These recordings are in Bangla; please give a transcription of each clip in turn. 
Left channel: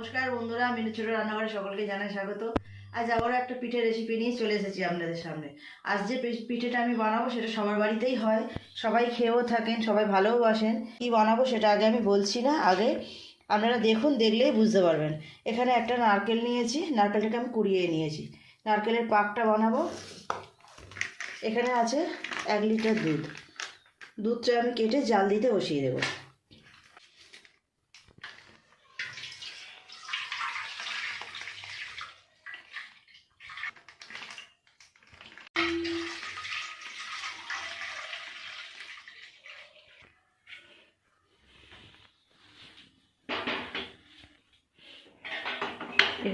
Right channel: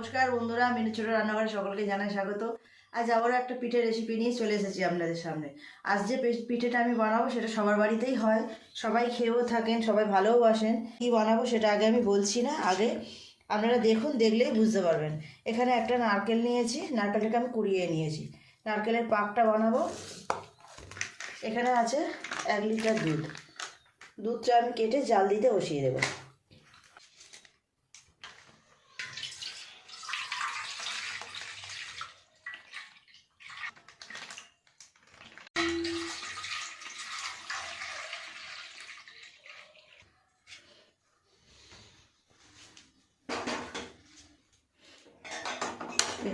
নমস্কার বন্ধুরা মিনু ছোট রান্নাঘরে সকলকে জানাই স্বাগত। আজ আবারও একটা পিঠের রেসিপি নিয়ে চলে এসেছি আপনাদের সামনে। আজ যে পিঠেটা আমি বানাবো সেটা সবার বাড়িতেই হয়। সবাই খেয়েও থাকেন, সবাই ভালোবাসেন কী বানাবো সেটা আগে আমি বলছি না, আগে আপনারা দেখুন, দেখলেই বুঝতে পারবেন। এখানে একটা নারকেল নিয়েছি, নারকেলটাকে আমি কুড়িয়ে নিয়েছি। নারকেলের পাকটা বানাবো। এখানে আছে এক লিটার দুধ। দুধটা আমি কেটে জাল দিতে বসিয়ে দেবো।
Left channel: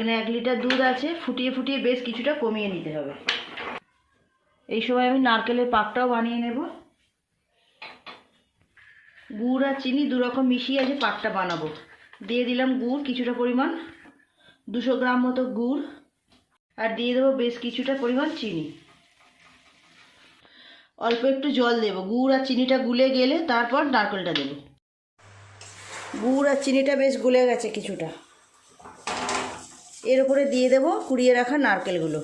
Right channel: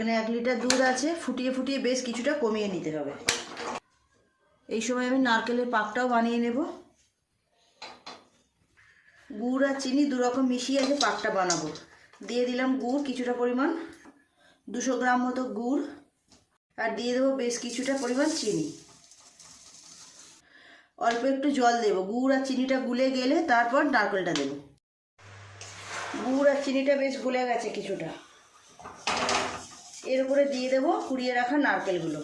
এখানে এক লিটার দুধ আছে, ফুটিয়ে ফুটিয়ে বেশ কিছুটা কমিয়ে নিতে হবে। এই সময় আমি নারকেলের পাকটাও বানিয়ে নেব। গুড় আর চিনি দু রকম মিশিয়ে আছে পাকটা বানাবো। দিয়ে দিলাম গুড়, কিছুটা পরিমাণ, দুশো গ্রাম মতো গুড়, আর দিয়ে দেবো বেশ কিছুটা পরিমাণ চিনি। অল্প একটু জল দেবো, গুড় আর চিনিটা গুলে গেলে তারপর নারকেলটা দেবো। গুড় আর চিনিটা বেশ গুলে গেছে কিছুটা। এর উপরে দিয়ে দেবো কুড়িয়ে রাখা নারকেলগুলো।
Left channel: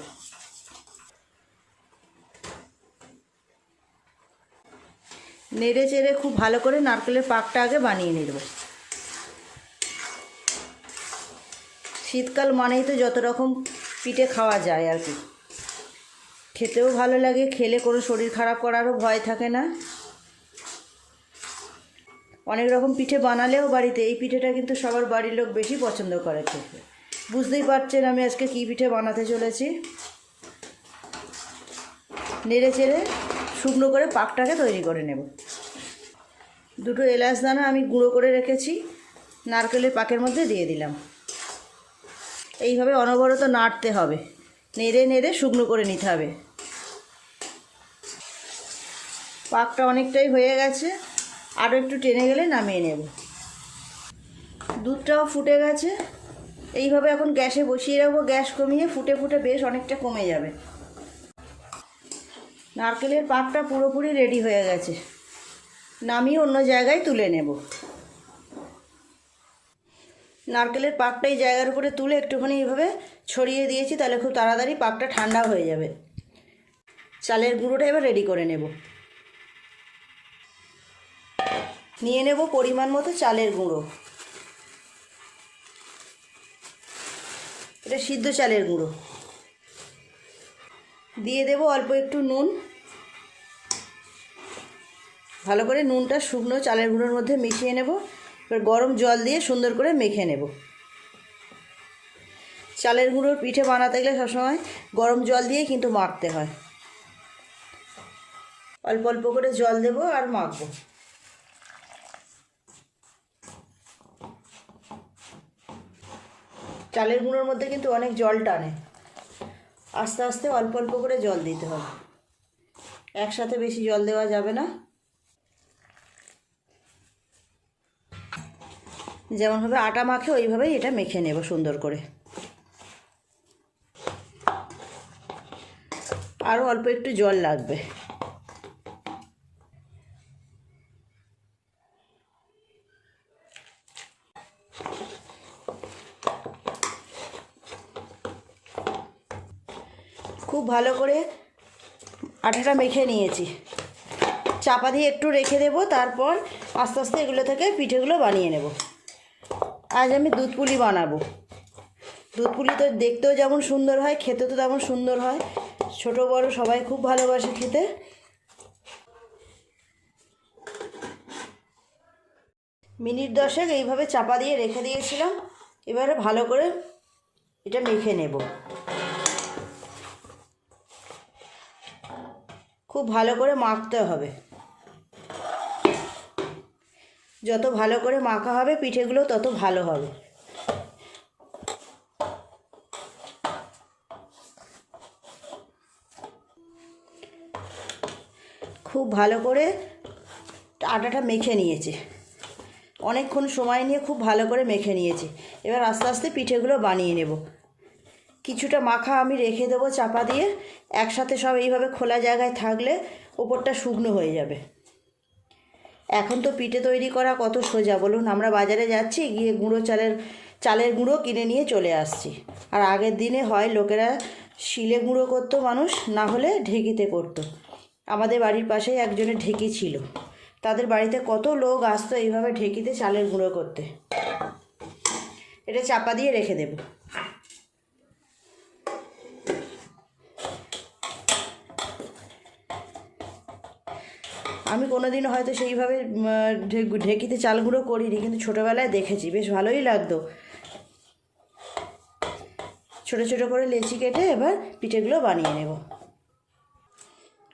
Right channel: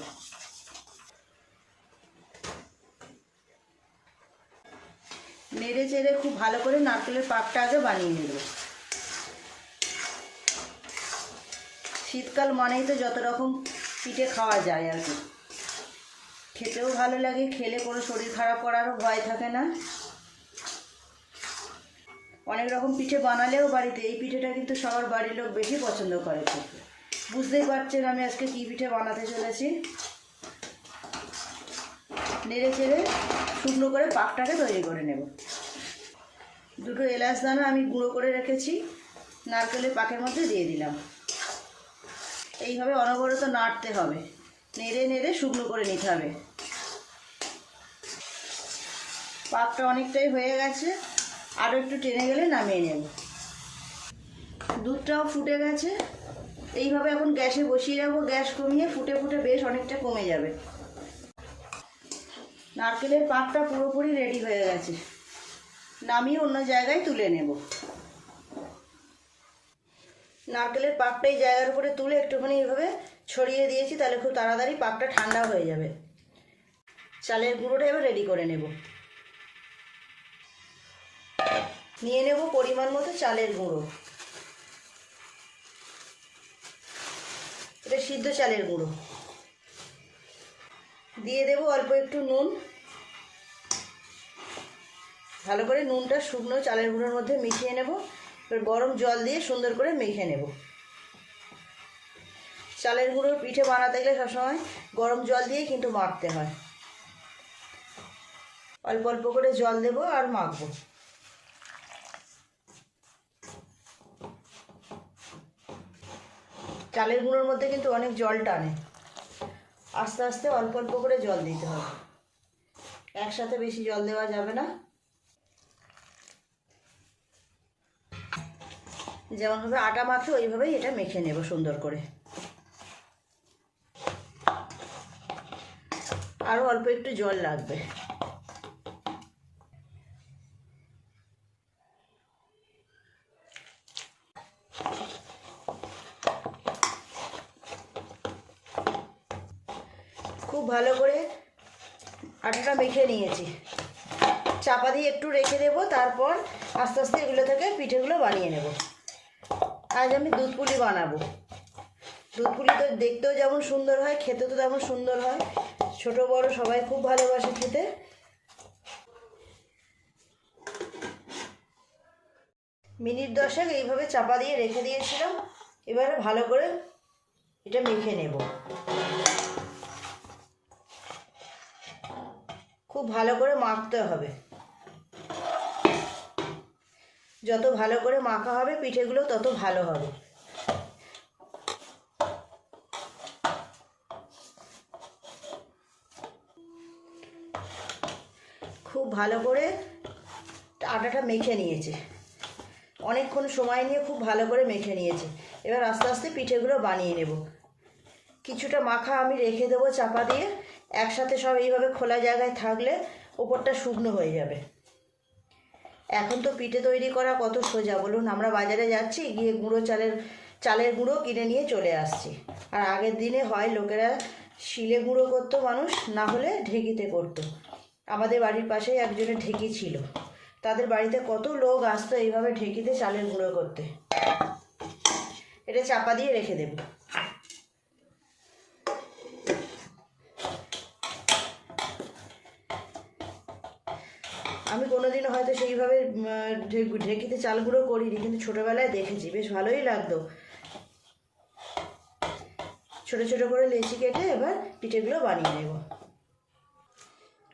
নেড়ে চেড়ে খুব ভালো করে নারকেলের পাকটা আগে বানিয়ে নেব শীতকাল মানেই তো যত রকম পিঠে খাওয়া যায় আর কি। খেতেও ভালো লাগে, খেলে কোনো শরীর খারাপ করারও ভয় থাকে না। অনেক রকম পিঠে বানালেও বাড়িতে এই পিঠেটা কিন্তু সবার বাড়ির লোক বেশি পছন্দ করে খেতে। বুঝতেই পারছেন আমি আজকে কী পিঠে বানাতে চলেছি। নেড়ে চেড়ে শুকনো করে পাকটাকে তৈরি করে নেব। দুটো এলাচ দানা আমি গুঁড়ো করে রেখেছি নারকেলের পাকের মধ্যে দিয়ে দিলাম। এইভাবে অনবরত নাড়তে হবে, নেড়ে নেড়ে শুকনো করে নিতে হবে। পাকটা অনেকটাই হয়ে গেছে আরও একটু টেনে গেলে নামিয়ে নেব। দুধটাও ফুটে গেছে। এইভাবে এখন গ্যাসে বসিয়ে রাখব, গ্যাস কমিয়ে ফুটে ফুটে বেশ অনেকটা কমে যাবে। নারকেলের পাকটা পুরোপুরি রেডি হয়ে গেছে। নামিয়ে অন্য জায়গায় তুলে নেব। নারকেলের পাকটা এই জায়গার উপরে তুলে একটুখানি এভাবে ছড়িয়ে দিয়েছি, তাহলে খুব তাড়াতাড়ি পাকটা ঠান্ডা হয়ে যাবে। চালের গুঁড়োটা এবার রেডি করে নেব। নিয়ে নেব পরিমাণ মতো চালের গুঁড়ো। এটা সিদ্ধ চালের গুঁড়ো। দিয়ে দেব অল্প একটু নুন। ভালো করে নুনটা শুকনো চালের গুঁড়োর মধ্যে মিশিয়ে নেব। এবার গরম জল দিয়ে সুন্দর করে মেখে নেব। চালের গুঁড়োর পিঠে বানাতে গেলে সবসময় গরম জল দিয়ে কিন্তু মাখতে হয়। অল্প অল্প করে জল দেব আর মাখবো। চালের গুঁড়োর মধ্যে কিন্তু অনেক জল টানে। আস্তে আস্তে অল্প অল্প করে জল দিতে হবে। একসাথে বেশি জল দেওয়া যাবে না। যেমনভাবে আটা মাখে, ওইভাবেই এটা মেখে নেব সুন্দর করে। আরও অল্প একটু জল লাগবে খুব ভালো করে আটাটা মেখে নিয়েছি। চাপা দিয়ে একটু রেখে দেবো, তারপর আস্তে আস্তে এগুলো থেকে পিঠেগুলো বানিয়ে নেব। আজ আমি দুধ পুলি বানাবো। দুধ পুলি তো দেখতেও যেমন সুন্দর হয় খেতে তো তেমন সুন্দর হয়। ছোট, বড় সবাই খুব ভালোবাসে খেতে। মিনিট দশেক এইভাবে চাপা দিয়ে রেখে দিয়েছিলাম। এবারে ভালো করে এটা মেখে নেব। খুব ভালো করে মাখতে হবে। যত ভালো করে মাখা হবে, পিঠেগুলো তত ভালো হবে। খুব ভালো করে আটাটা মেখে নিয়েছে। অনেকক্ষণ সময় নিয়ে খুব ভালো করে মেখে নিয়েছে। এবার আস্তে আস্তে পিঠেগুলো বানিয়ে নেব। কিছুটা মাখা আমি রেখে দেবো চাপা দিয়ে। একসাথে সব এইভাবে খোলা জায়গায় থাকলে ওপরটা শুকনো হয়ে যাবে। এখন তো পিঠে তৈরি করা কত সোজা, বলুন। আমরা বাজারে যাচ্ছি, গিয়ে গুঁড়ো চালের চালের গুঁড়ো কিনে নিয়ে চলে আসছি। আর আগের দিনে হয় লোকেরা শিলে গুঁড়ো করতো মানুষ, না হলে ঢেকিতে করতো। আমাদের বাড়ির পাশেই একজনের ঢেকি ছিল। তাদের বাড়িতে কত লোক আসতো এইভাবে ঢেকিতে চালের গুঁড়ো করতে। এটা চাপা দিয়ে রেখে দেবো। আমি কোনোদিনও হয়তো সেইভাবে ঢেকিতে চাল গুঁড়ো করিনি, কিন্তু ছোটোবেলায় দেখেছি, বেশ ভালোই লাগতো। ছোটো ছোটো করে লেচি কেটে এবার পিঠেগুলো বানিয়ে নেব।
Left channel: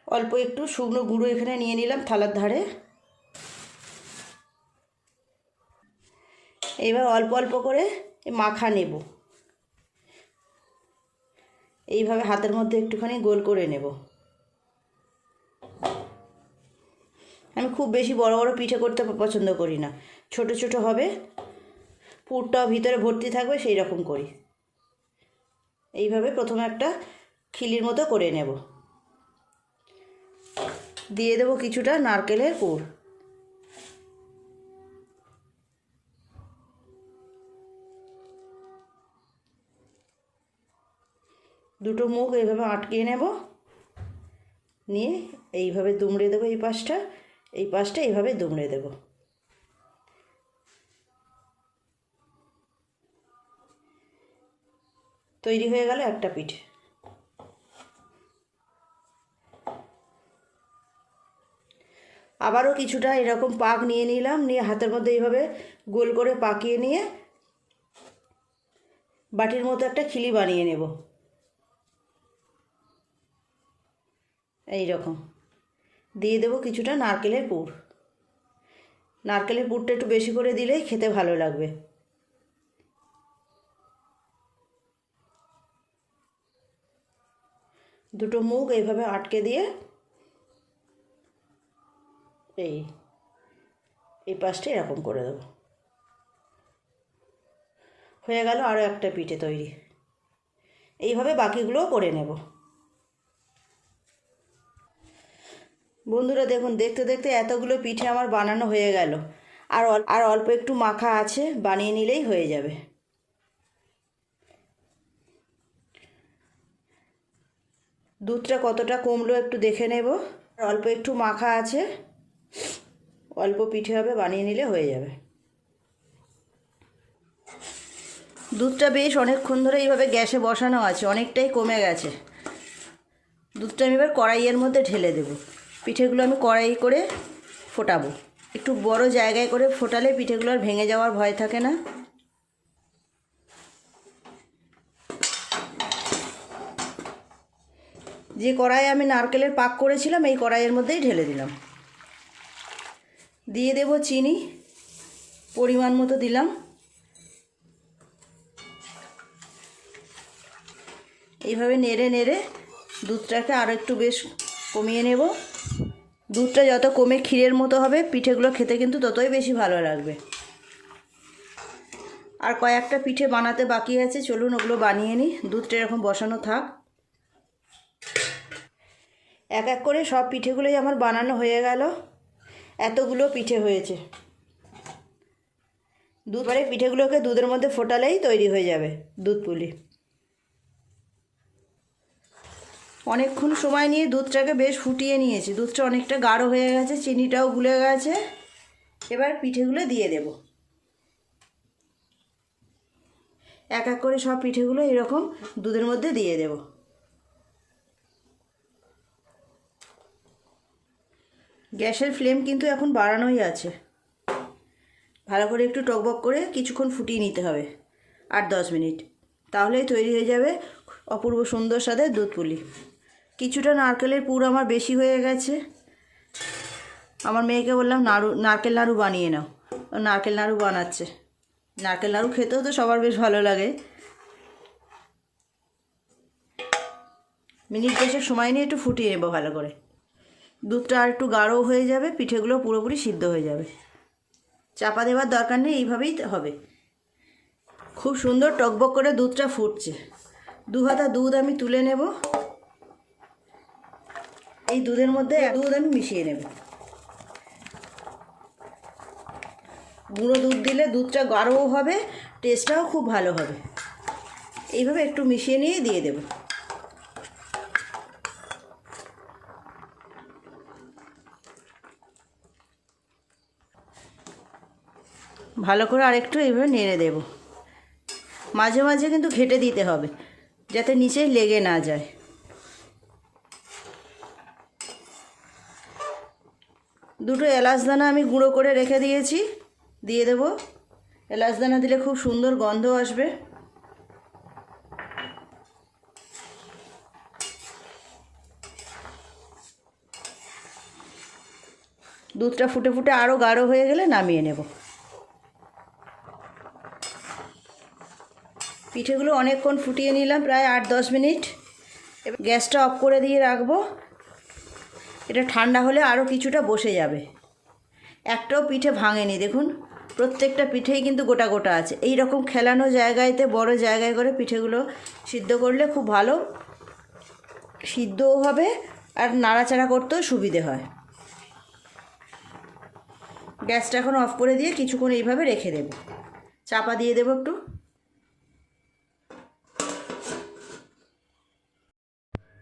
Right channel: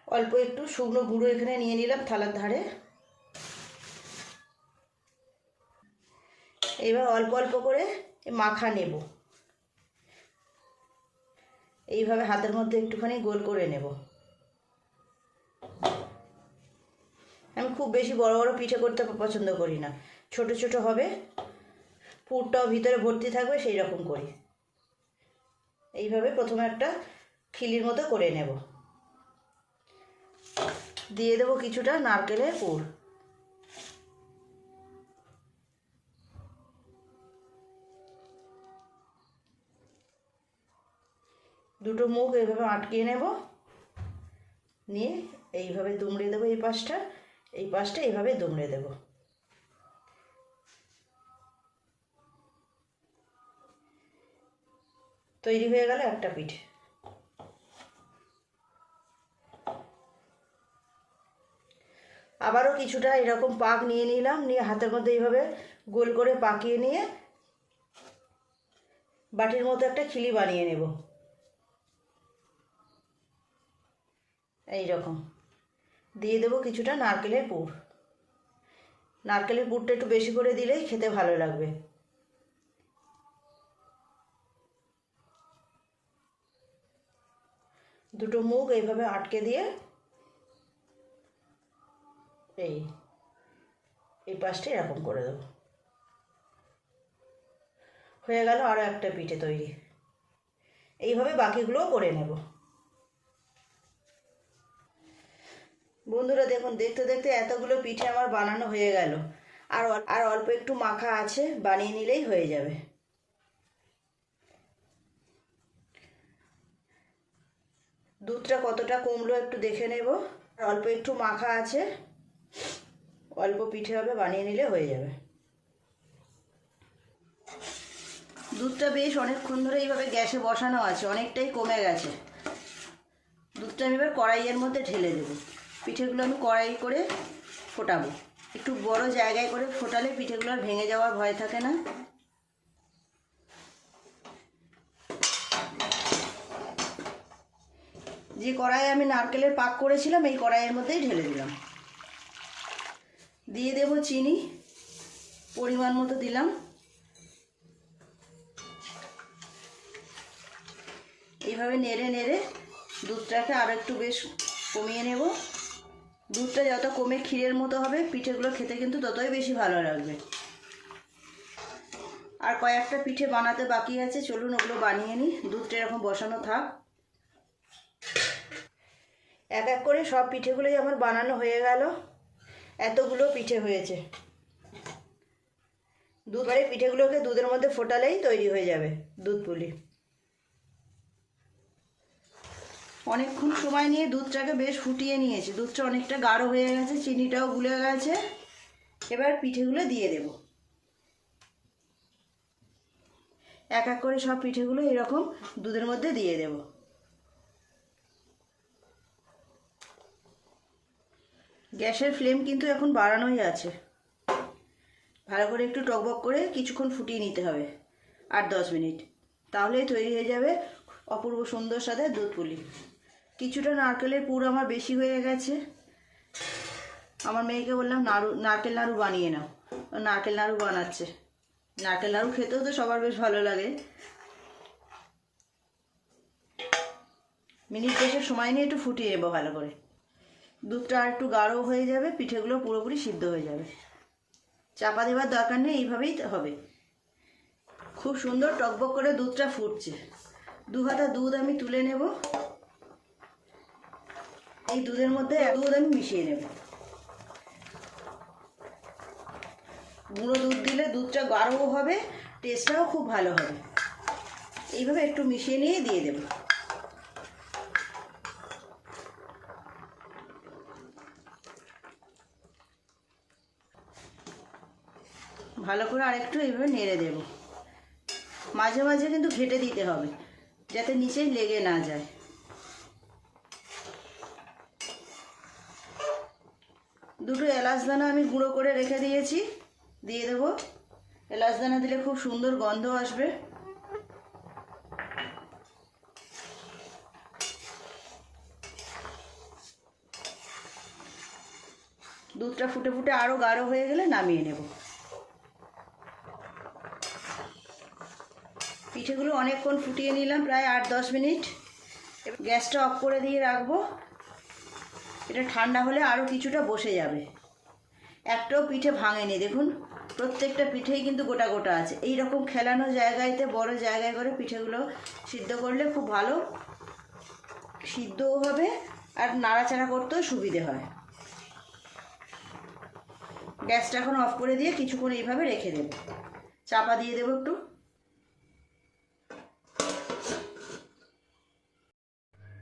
অল্প একটু শুকনো গুঁড়ো এখানে নিয়ে নিলাম থালার ধারে। এবার অল্প অল্প করে মাখা নেব। এইভাবে হাতের মধ্যে একটুখানি গোল করে নেব। আমি খুব বেশি বড় বড় পিঠে করতে পছন্দ করি না। ছোট ছোট হবে, পুরটাও ভিতরে ভর্তি থাকবে সেই রকম করি। এইভাবে প্রথমে একটা খিলির মতো করে নেব। দিয়ে দেবো কিছুটা নারকেলের পুর দুটো মুখ এইভাবে আটকিয়ে নেব। নিয়ে এইভাবে দুমড়ে দেবো এই পাশটা। এই পাশটা এইভাবে দুমড়ে দেবো। তৈরি হয়ে গেল একটা পিঠ। আবারও কিছুটা এরকম পাক নিয়ে নিলাম, নিয়ে হাতের মধ্যে এইভাবে গোল করে পাকিয়ে নিয়ে বাটির মতো একটা খিলি বানিয়ে নেব। এই রকম দিয়ে দেবো কিছুটা নারকেলের পুর নারকেলের পুরটা একটু বেশি করে দিলেই খেতে ভালো লাগবে। দুটো মুখ এইভাবে আটকে দিয়ে এই এই পাশটা এরকম করে দেবো। হয়ে গেল আরও একটা পিঠে তৈরি। এইভাবে বাকিগুলোও করে নেব। বন্ধুরা দেখুন, দেখতে দেখতে এতগুলো পিঠে আমার বানানো হয়ে গেল। আর আর অল্প একটু মাখা আছে, বানিয়ে নিলেই হয়ে যাবে। দুধটা কতটা কমলো একটু দেখে নেব। আর অল্প একটু মাখা আছে, অল্প পিঠে হবে, বানিয়ে নিলে হয়ে যাবে। দুধটা বেশ অনেকক্ষণ ধরে এইভাবে গ্যাসে বসানো আছে, অনেকটাই কমে গেছে। দুধটা আমি এবার কড়াইয়ের মধ্যে ঢেলে দেবো। পিঠেগুলো আমি কড়াই করে ফোটাবো। একটু বড় জায়গায় করে ফোটালে পিঠেগুলো আর ভেঙে যাওয়ার ভয় থাকে না। যে কড়াইয়ে আমি নারকেলের পাক করেছিলাম, এই কড়াইয়ের মধ্যেই ঢেলে দিলাম। দিয়ে দেব চিনি, পরিমাণ মতো দিলাম। এইভাবে নেড়ে নেড়ে দুধটাকে আরও একটু বেশ কমিয়ে নেব। দুধটা যত কমে ক্ষীরের মতো হবে, পিঠেগুলো খেতে কিন্তু ততই বেশি ভালো লাগবে। আর কয়েকটা পিঠে বানাতে বাকি আছে, চলুন ওগুলো বানিয়ে নিই। দুধটা এরকম বসানো থাক। এক এক করে সব পিঠেগুলোই আমার বানানো হয়ে গেল। এতগুলো পিঠে হয়েছে। দুধবারে পিঠেগুলোকে দুধের মধ্যে ফোটালেই তৈরি হয়ে যাবে দুধ পুলি। অনেকক্ষণ সময় নিয়ে দুধটাকে বেশ ফুটিয়ে নিয়েছি। দুধটা অনেকটা গাঢ় হয়ে গেছে, চিনিটাও গুলে গেছে। এবার পিঠেগুলো দিয়ে দেব। এক এক করে সব পিঠেগুলো এরকম দুধের মধ্যে দিয়ে দেব। গ্যাসের ফ্লেম কিন্তু এখন বাড়ানোই আছে। ভালো করে একটু টকবক করে কিছুক্ষণ ফুটিয়ে নিতে হবে, আট দশ মিনিট। তাহলেই তৈরি হয়ে যাবে অপূর্ব সুন্দর স্বাদে দুধ পুলি কিছুটা নারকেলের পুর আমার বেশি হয়ে গেছে। আমার মেয়েকে বললাম, নাড়ু, নারকেল নাড়ু বানিয়ে নাও। নারকেল নাড়ু বানাচ্ছে। নারকেল নাড়ু খেতেও তো সবার বেশ ভালো লাগে। মিনিট দশেক সময় নিয়ে একটু ফুটিয়ে নেব ভালো করে। দুধটা আর একটু গাঢ় হয়ে যাবে, পিঠেগুলো পুরোপুরি সিদ্ধ হয়ে যাবে। চাপা দেওয়ার দরকার নেই, এইভাবেই হবে। খুব সুন্দর টকবক করে দুধটা ফুটছে। দু হাতা দুধ আমি তুলে নেব। এই দুধের মধ্যে এক দুধ আমি মিশিয়ে নেব। গুঁড়ো দুধ দিলে দুধটা গাঢ়ও হবে টেস্টটাও খুব ভালো হবে। এইভাবে একটু মিশিয়ে নিয়ে দিয়ে দেবো। ভালো করে আরেকটু এইভাবে নেড়ে দেব। মাঝে মাঝে কিন্তু ঘেটে দিতে হবে যাতে নিচে লেগে না যায়। দুটো এলাচ দানা আমি গুঁড়ো করে রেখে দিয়েছি, দিয়ে দেব। এলাচ দানা দিলে খুব সুন্দর গন্ধ আসবে। দুধটা ফুটে ফুটে আরও গাঢ় হয়ে গেলে নামিয়ে নেব। পিঠেগুলো অনেকক্ষণ ফুটিয়ে নিলাম, প্রায় আট দশ মিনিট। গ্যাসটা অফ করে দিয়ে রাখব। এটা ঠান্ডা হলে আরও কিছুটা বসে যাবে। একটাও পিঠে ভাঙেনি, দেখুন। প্রত্যেকটা পিঠেই কিন্তু গোটা গোটা আছে। এই রকম খেলানো জায়গায়তে, বড় জায়গায় করে পিঠেগুলো সিদ্ধ করলে খুব ভালো। সিদ্ধও হবে আর নাড়াচাড়া করতেও সুবিধে হয়। গ্যাসটা এখন অফ করে দিয়ে কিছুক্ষণ এইভাবে রেখে দেব। চাপা দিয়ে দেবো একটু।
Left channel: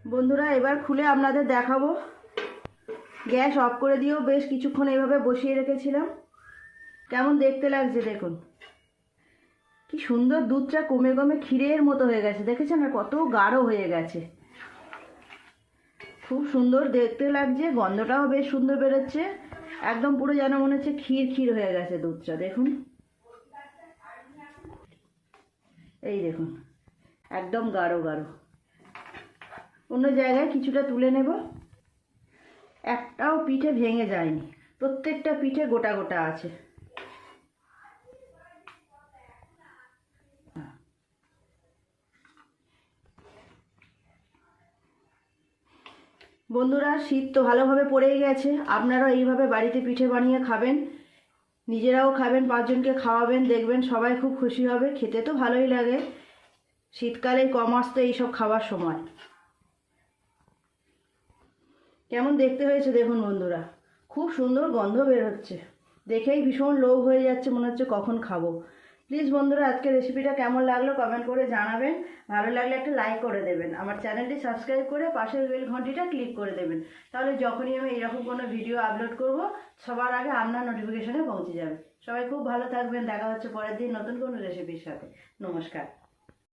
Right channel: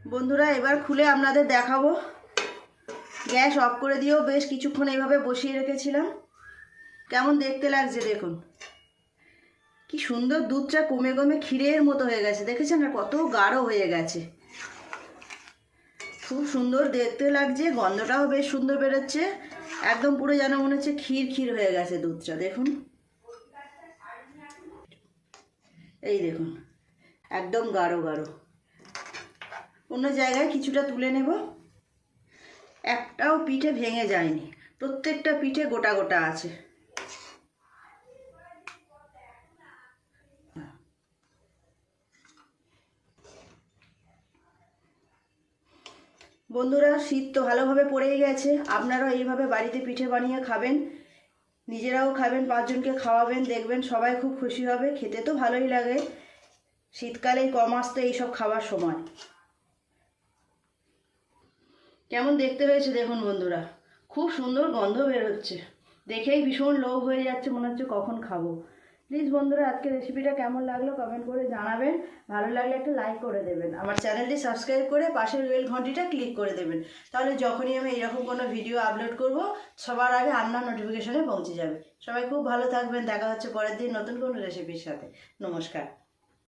বন্ধুরা, এবার খুলে আপনাদের দেখাবো গ্যাস অফ করে দিয়েও বেশ কিছুক্ষণ এইভাবে বসিয়ে রেখেছিলাম। কেমন দেখতে লাগছে দেখুন। কি সুন্দর দুধটা কমে কমে ক্ষীরের মতো হয়ে গেছে। দেখেছেন আর কত গাঢ় হয়ে গেছে। খুব সুন্দর দেখতে লাগছে, গন্ধটাও বেশ সুন্দর বেরোচ্ছে। একদম পুরো যেন মনে হচ্ছে ক্ষীর ক্ষীর হয়ে গেছে দুধটা, দেখুন। এই দেখুন, একদম গাঢ় গাঢ়। অন্য জায়গায় কিছুটা তুলে নেব। একটাও পিঠে ভেঙে যায়নি। প্রত্যেকটা পিঠে গোটা গোটা আছে। বন্ধুরা, শীত তো ভালোভাবে পড়েই গেছে। আপনারাও এইভাবে বাড়িতে পিঠে বানিয়ে খাবেন। নিজেরাও খাবেন, পাঁচজনকে খাওয়াবেন, দেখবেন সবাই খুব খুশি হবে। খেতে তো ভালোই লাগে। শীতকালে কম আসতে এইসব খাবার সময়। কেমন দেখতে হয়েছে দেখুন বন্ধুরা। খুব সুন্দর গন্ধ বের হচ্ছে। দেখেই ভীষণ লোভ হয়ে যাচ্ছে, মনে হচ্ছে কখন খাব। প্লিজ বন্ধুরা আজকে রেসিপিটা কেমন লাগল কমেন্ট করে জানাবেন। ভালো লাগলে একটা লাইক করে দেবেন। আমার চ্যানেলটি সাবস্ক্রাইব করে পাশের বেল ঘন্টিটা ক্লিক করে দেবেন। তাহলে যখনই আমি এরকম কোনো ভিডিও আপলোড করব, সবার আগে আপনার নোটিফিকেশনে পৌঁছে যাবে। সবাই খুব ভালো থাকবেন। দেখা হচ্ছে পরের দিন নতুন কোনো রেসিপির সাথে। নমস্কার।